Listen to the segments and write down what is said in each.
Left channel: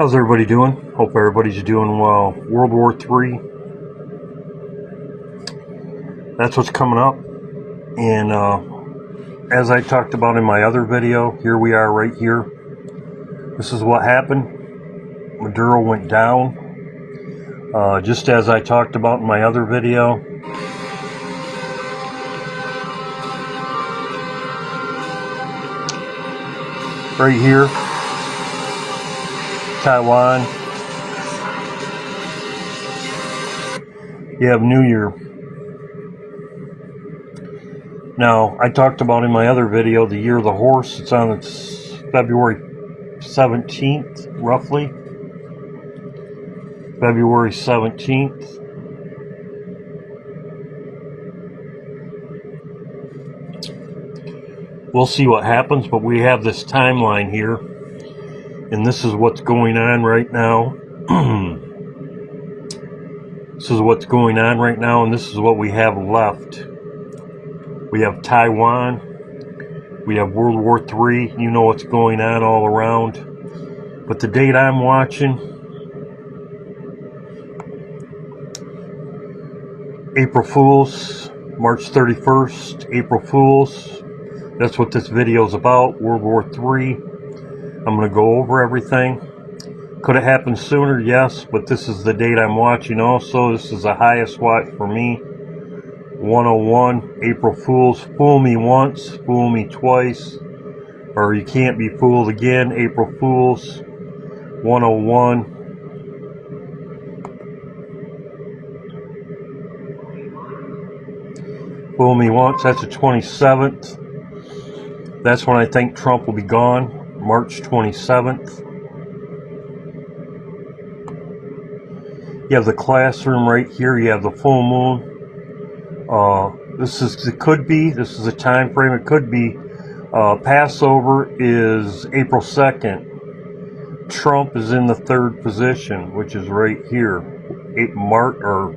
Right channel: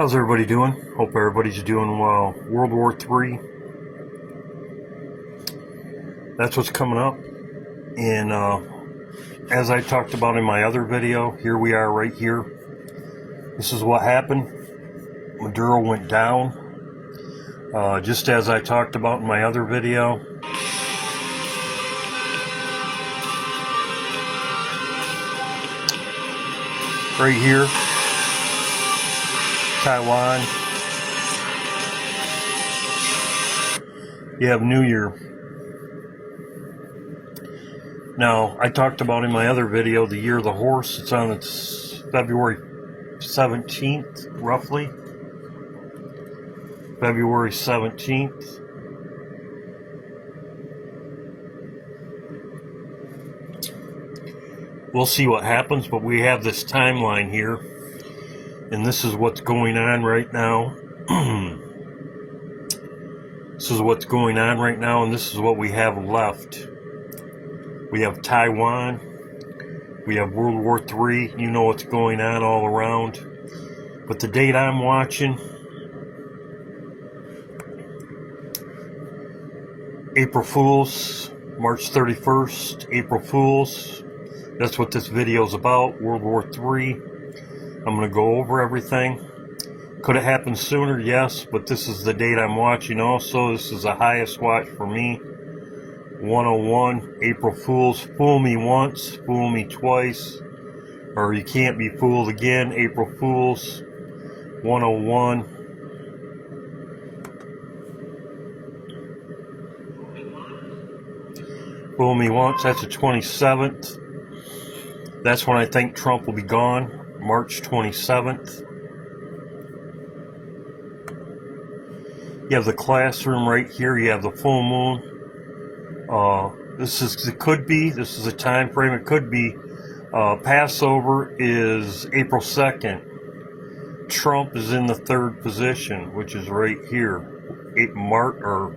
How's everybody doing? Hope everybody's doing well. World War III. That's what's coming up. And as I talked about in my other video, here we are right here. This is what happened. Maduro went down. Just as I talked about in my other video. Right here. Taiwan. You have New Year. Now, I talked about in my other video the year of the horse. It's on its February 17th, roughly. February 17th. We'll see what happens, but we have this timeline here. And this is what's going on right now. This is what's going on right now, and this is what we have left. We have Taiwan. We have World War III. You know what's going on all around. But the date I'm watching, April Fools, March 31st, April Fools. That's what this video is about, World War III. I'm going to go over everything. Could it happen sooner? Yes, but this is the date I'm watching also. This is the highest watch for me. 101, April Fools. Fool me once, fool me twice, or you can't be fooled again. April Fools. 101. Fool me once, that's the 27th. That's when I think Trump will be gone. March 27th. You have the classroom right here. You have the full moon. This is a time frame. It could be. Passover is April 2nd. Trump is in the third position, which is right here.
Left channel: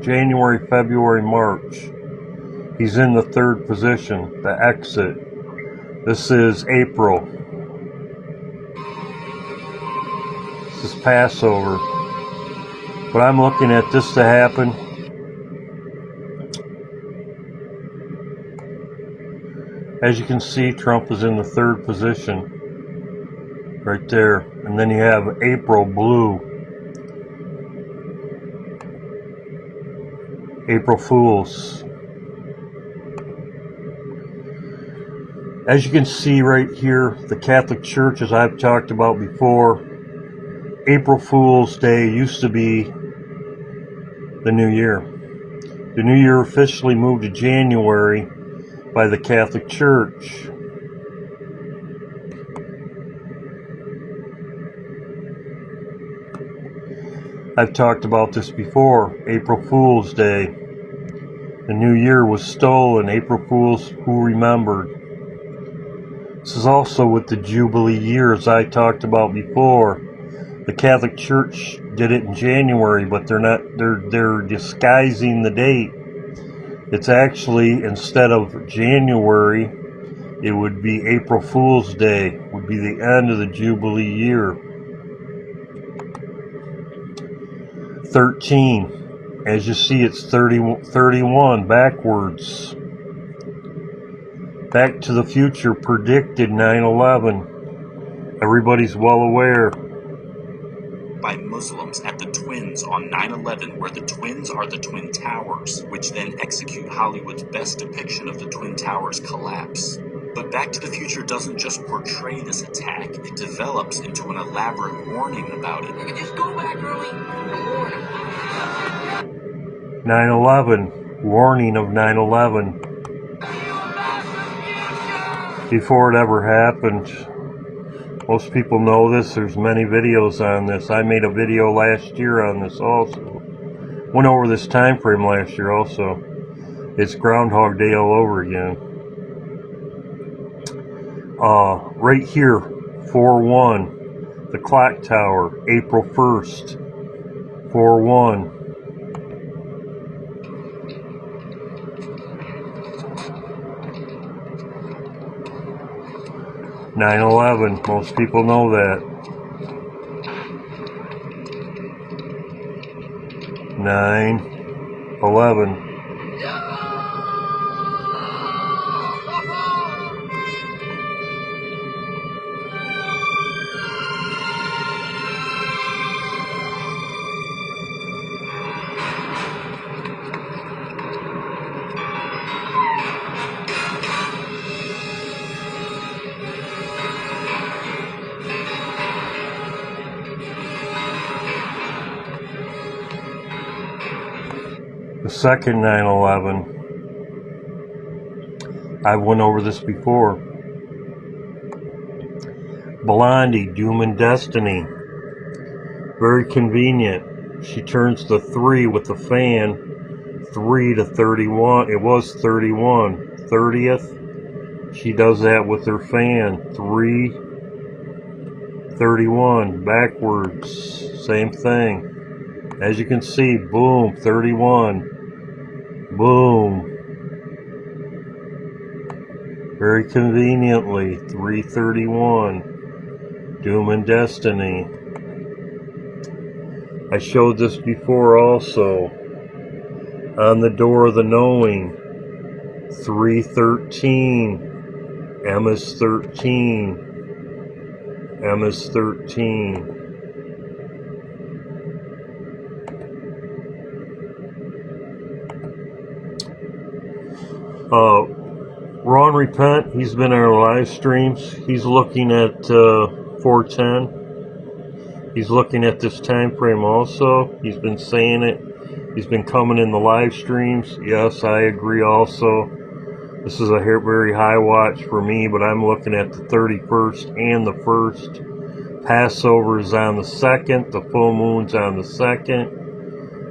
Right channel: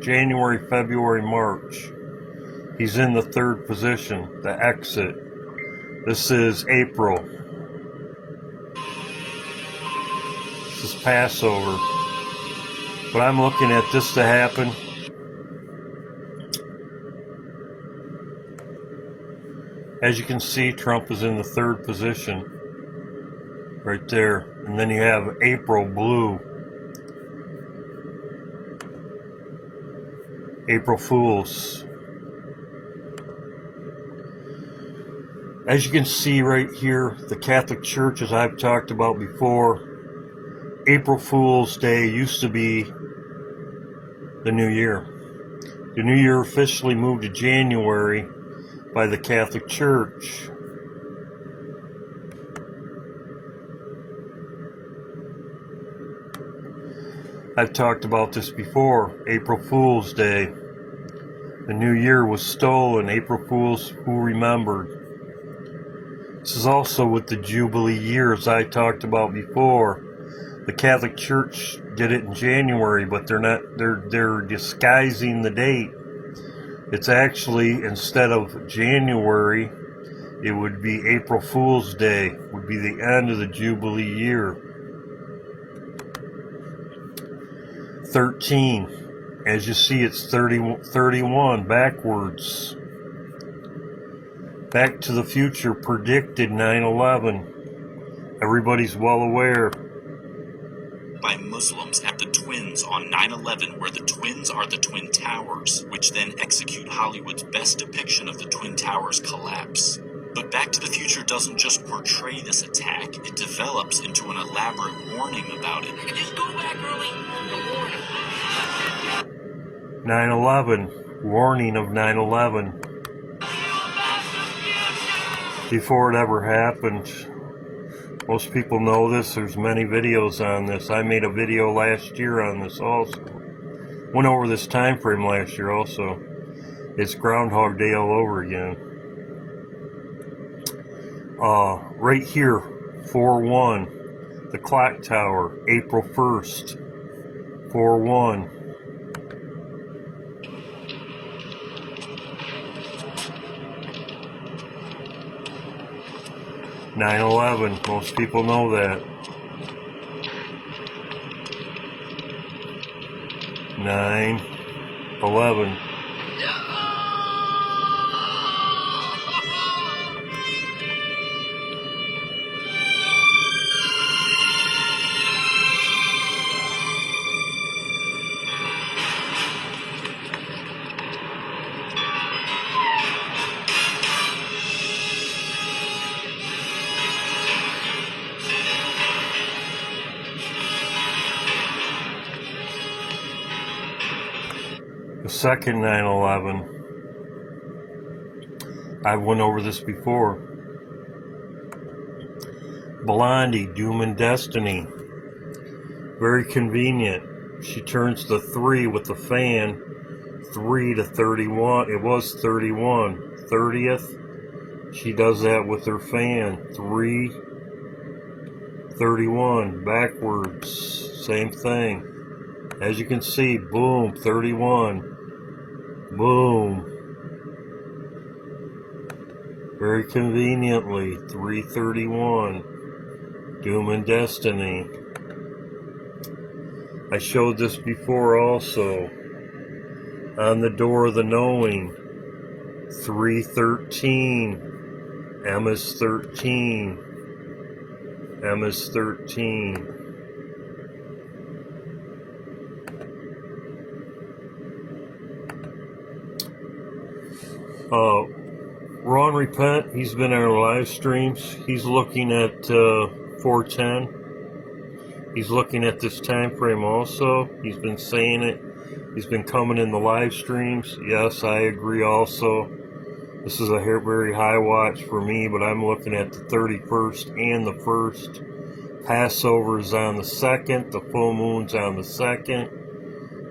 January, February, March. He's in the third position. The exit. This is April. This is Passover. But I'm looking at this to happen. As you can see, Trump is in the third position. Right there. And then you have April blue. April Fools. As you can see right here, the Catholic Church, as I've talked about before, April Fool's Day used to be the New Year. The New Year officially moved to January by the Catholic Church. I've talked about this before. April Fool's Day. The New Year was stolen. April Fools, who remembered? This is also with the Jubilee years I talked about before. The Catholic Church did it in January, but they're disguising the date. It's actually, instead of January, it would be April Fool's Day, would be the end of the Jubilee year. 13. As you see, it's 31 backwards. Back to the Future predicted 9/11. Everybody's well aware. By Muslims at the Twins on 9/11, where the Twins are the Twin Towers, which then execute Hollywood's best depiction of the Twin Towers collapse. But Back to the Future doesn't just portray this attack, it develops into an elaborate warning about it. You can just go back early and warn 9/11, warning of 9/11. Before it ever happened. Most people know this. There's many videos on this. I made a video last year on this also. Went over this time frame last year also. It's Groundhog Day all over again. Right here, 4-1. The clock tower, April 1st. 4-1. 9/11, most people know that. 9/11. The second 9/11, I went over this before. Blondie, Doom and Destiny. Very convenient. She turns to 3 with the fan. 3 to 31. It was 31. 30th. She does that with her fan. 3, 31. Backwards. Same thing. As you can see, boom, 31. Boom. Very conveniently, 331. Doom and Destiny. I showed this before also. On the Door of the Knowing. 313. M is 13. M is 13. Ron Repent, he's been in our live streams. He's looking at 410. He's looking at this time frame also. He's been saying it. He's been coming in the live streams. Yes, I agree also. This is a very high watch for me, but I'm looking at the 31st and the 1st. Passover is on the 2nd. The full moon's on the 2nd.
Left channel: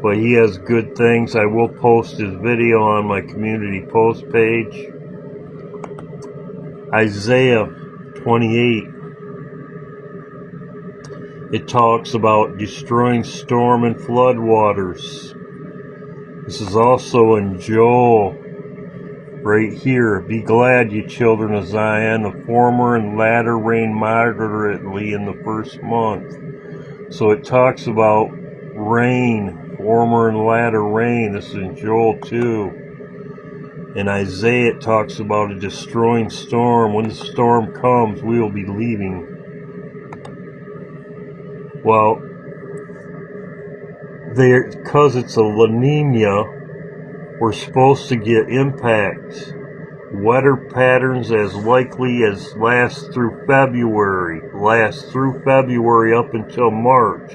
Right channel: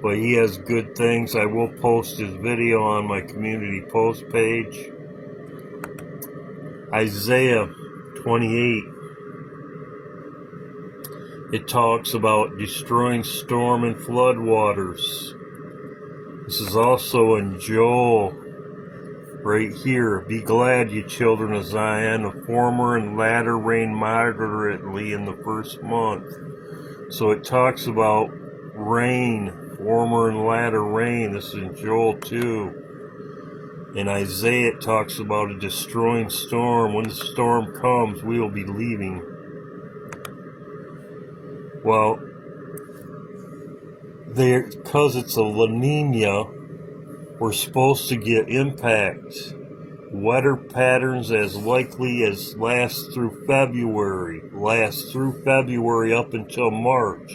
But he has good things. I will post his video on my community post page. Isaiah 28. It talks about destroying storm and flood waters. This is also in Joel. Right here. Be glad, you children of Zion. The former and latter rain moderately in the first month. So it talks about rain. Former and latter rain. This is in Joel 2. In Isaiah it talks about a destroying storm. When the storm comes, we will be leaving. Well, because it's a La Nina, we're supposed to get impacts. Weather patterns as likely as last through February up until March.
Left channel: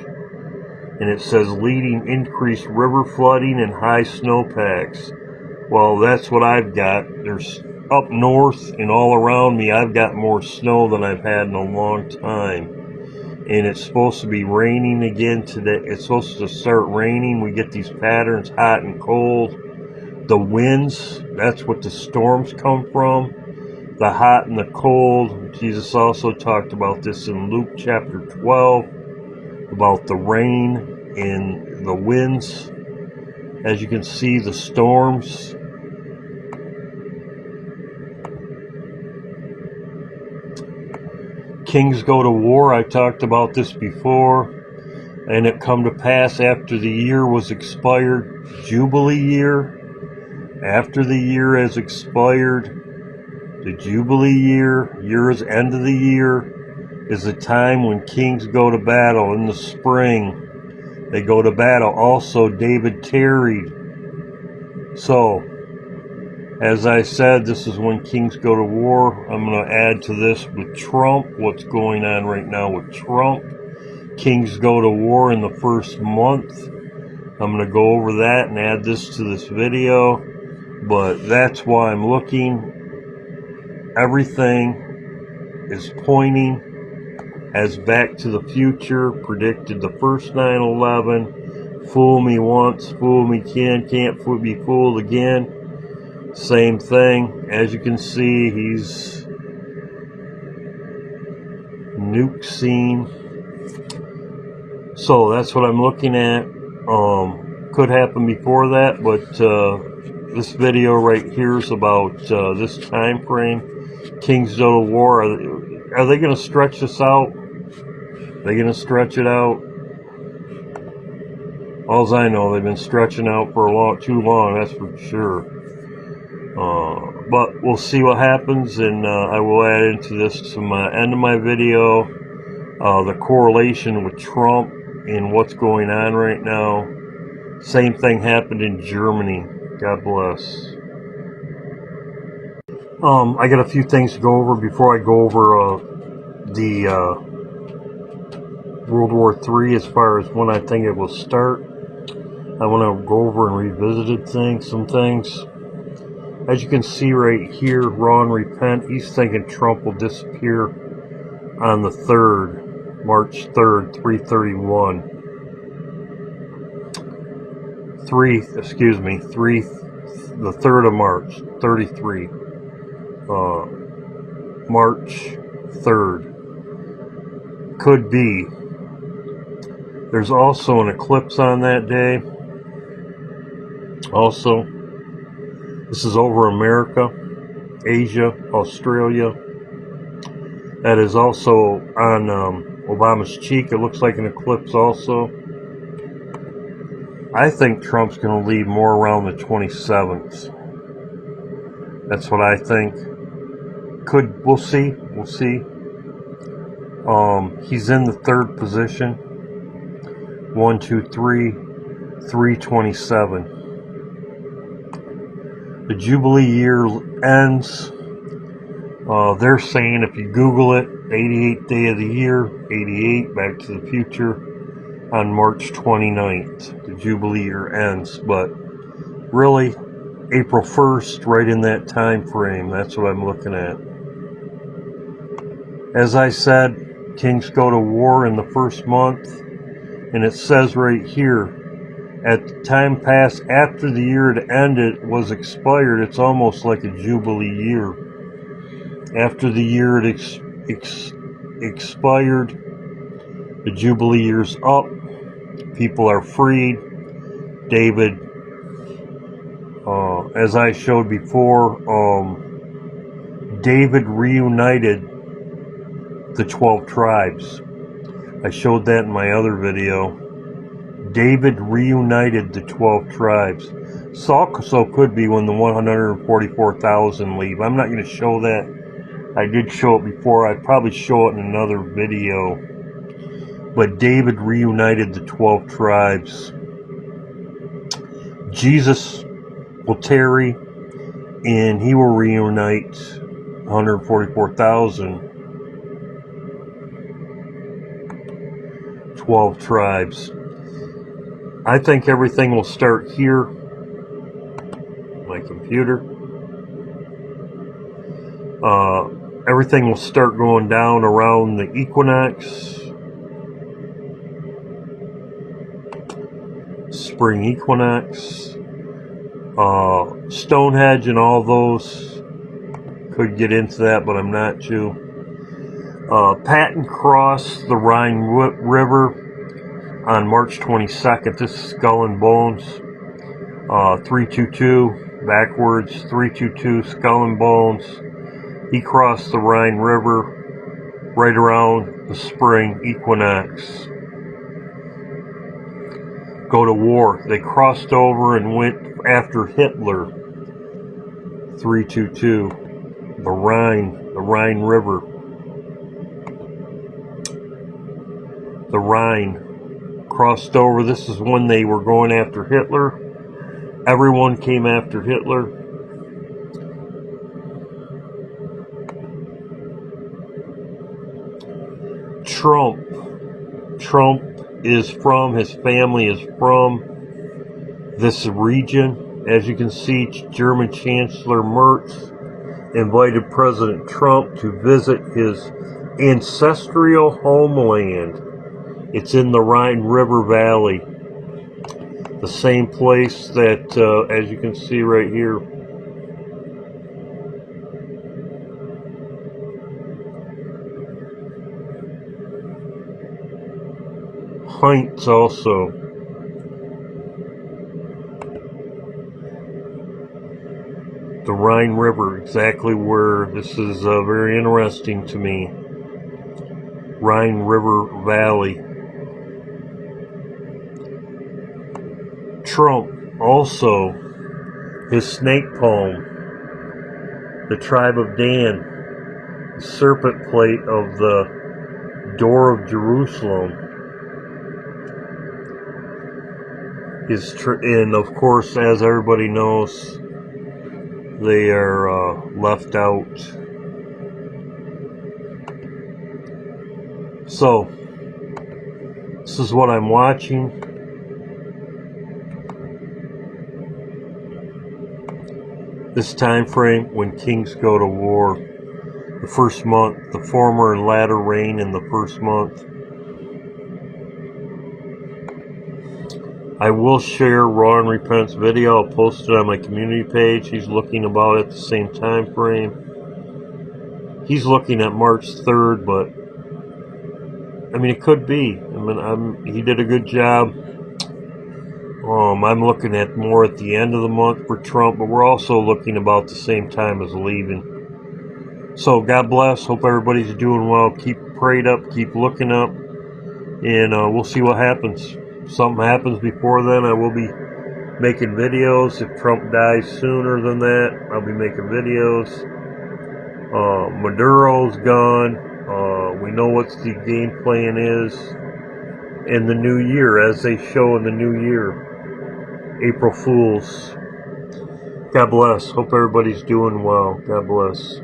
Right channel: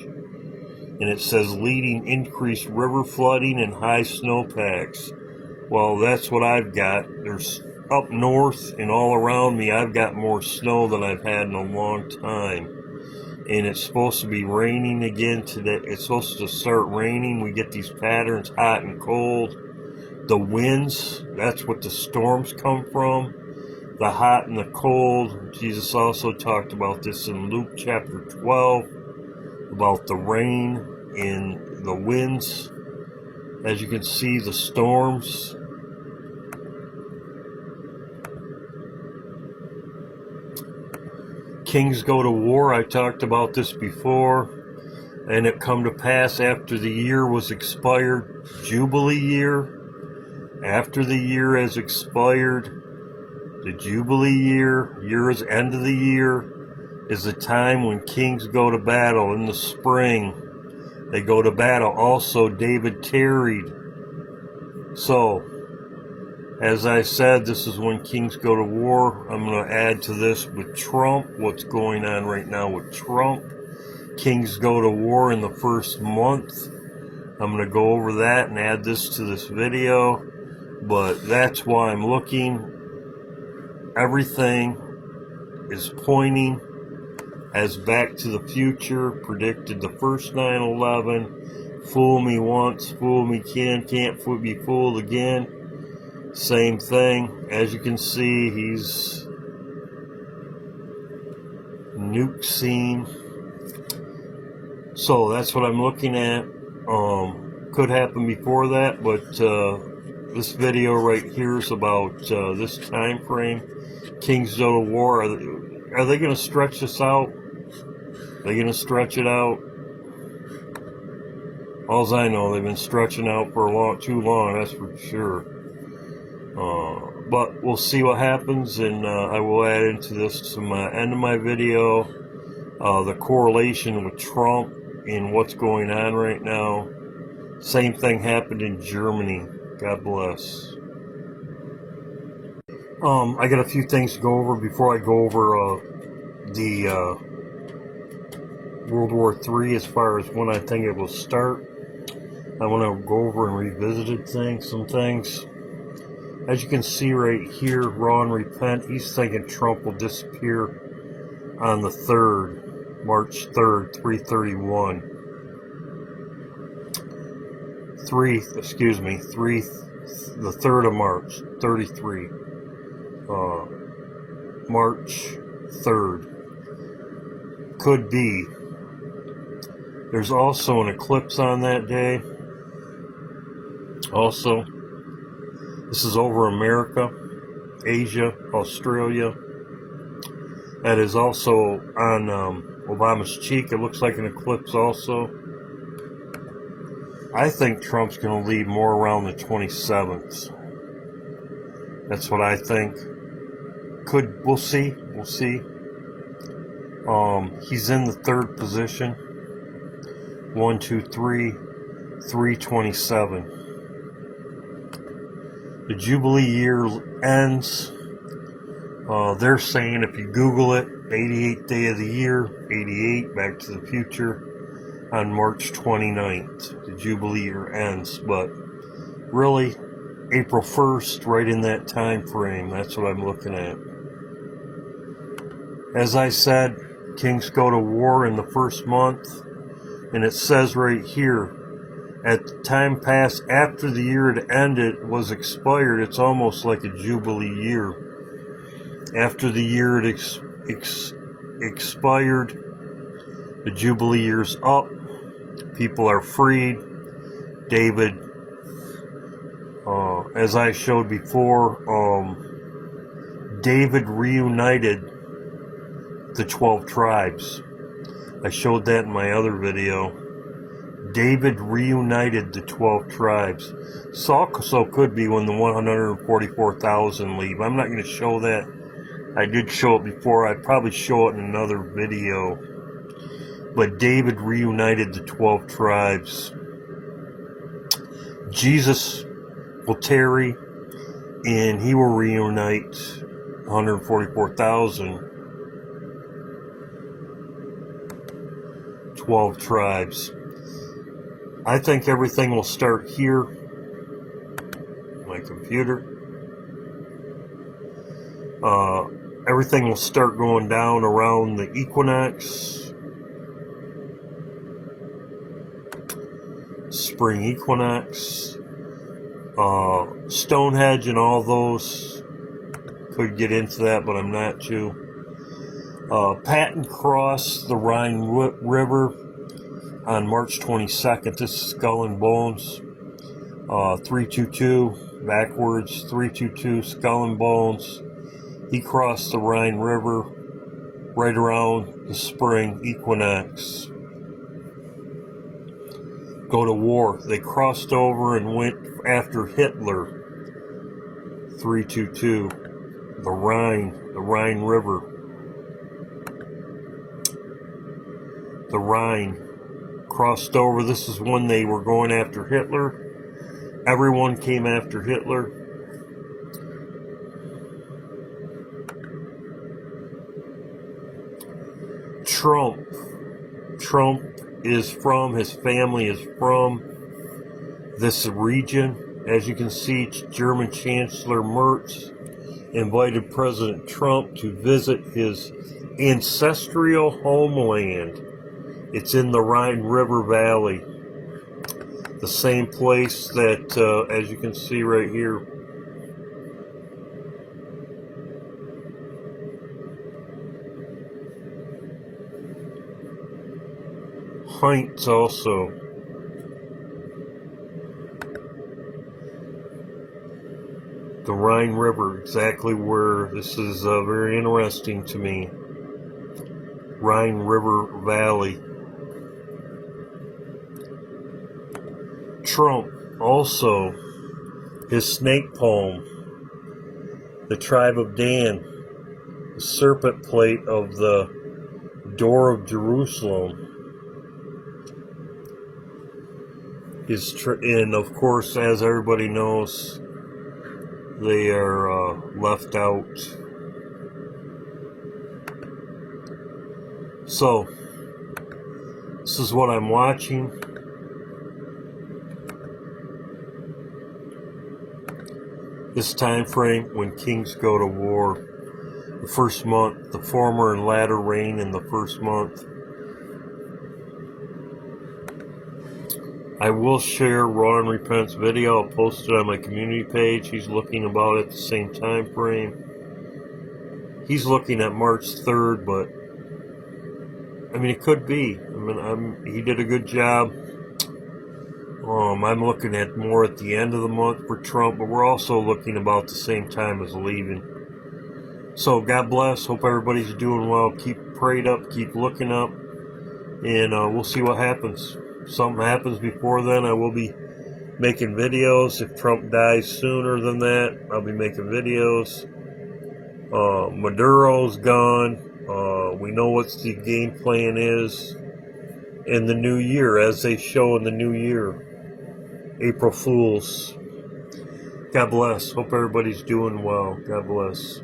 And it says leading increased river flooding and high snowpacks. Well, that's what I've got. There's up north and all around me, I've got more snow than I've had in a long time. And it's supposed to be raining again today. It's supposed to start raining. We get these patterns, hot and cold. The winds, that's what the storms come from. The hot and the cold. Jesus also talked about this in Luke chapter 12. About the rain and the winds. As you can see, the storms. Kings go to war. I talked about this before. And it come to pass after the year was expired. Jubilee year. After the year has expired. The Jubilee year. Year's end of the year. Is the time when kings go to battle in the spring. They go to battle. Also, David tarried. So, as I said, this is when kings go to war. I'm going to add to this with Trump, what's going on right now with Trump. Kings go to war in the first month. I'm going to go over that and add this to this video. But that's why I'm looking. Everything is pointing as Back to the Future predicted the first 9/11. Fool me once, fool me can't be fooled again. Same thing. As you can see, he's nuke scene. So that's what I'm looking at. Could happen before that, but this video right here is about this time frame. Kings go to war. Are they going to stretch this out? Are they going to stretch it out? All I know, they've been stretching out for too long, that's for sure. But we'll see what happens, and I will add into this to my end of my video the correlation with Trump and what's going on right now. Same thing happened in Germany. God bless. I got a few things to go over before I go over the World War III as far as when I think it will start. I want to go over and revisit some things. As you can see right here, Raw and Repent, he's thinking Trump will disappear on the 3rd, March 3rd, 331. The 3rd of March, 33. March 3rd. Could be. There's also an eclipse on that day. Also, this is over America, Asia, Australia. That is also on Obama's cheek. It looks like an eclipse also. I think Trump's going to leave more around the 27th. That's what I think. We'll see. We'll see. He's in the 3rd position. 1, 2, 3, 327. The Jubilee year ends. They're saying if you Google it, 88th day of the year, 88, Back to the Future, on March 29th. The Jubilee year ends, but really, April 1st, right in that time frame. That's what I'm looking at. As I said, kings go to war in the first month, and it says right here, at the time passed after the year it ended was expired, it's almost like a Jubilee year. After the year it expired, the Jubilee year's up, people are freed. David, as I showed before, David reunited the 12 tribes. I showed that in my other video. David reunited the 12 tribes. So could be when the 144,000 leave. I'm not going to show that. I did show it before. I'd probably show it in another video. But David reunited the 12 tribes. Jesus will tarry, and he will reunite 144,000. 12 tribes. I think everything will start here. My computer. Everything will start going down around the equinox. Spring equinox. Stonehenge and all those. Could get into that, but I'm not to. Patton crossed the Rhine River on March 22nd. This is Skull and Bones. 322 backwards. 322 Skull and Bones. He crossed the Rhine River right around the spring equinox. Go to war. They crossed over and went after Hitler. 322. The Rhine River. The Rhine crossed over. This is when they were going after Hitler. Everyone came after Hitler. Trump is from, his family is from this region. As you can see, German Chancellor Merz invited President Trump to visit his ancestral homeland. It's in the Rhine River Valley. The same place that, as you can see right here, Heinz also. The Rhine River, exactly where. This is very interesting to me. Rhine River Valley. Trump also, his snake poem, the tribe of Dan, the serpent plate of the door of Jerusalem, and of course, as everybody knows, they are left out. So, this is what I'm watching. This time frame when kings go to war. The first month, the former and latter rain in the first month. I will share Raw and Repent's video. I'll post it on my community page. He's looking about at the same time frame. He's looking at March 3rd, but I mean, it could be. I mean, he did a good job. I'm looking at more at the end of the month for Trump, but we're also looking about the same time as leaving. So God bless. Hope everybody's doing well. Keep prayed up. Keep looking up, and we'll see what happens. If something happens before then, I will be making videos. If Trump dies sooner than that, I'll be making videos. Maduro's gone. We know what the game plan is in the new year, as they show in the new year. April Fools. God bless. Hope everybody's doing well. God bless.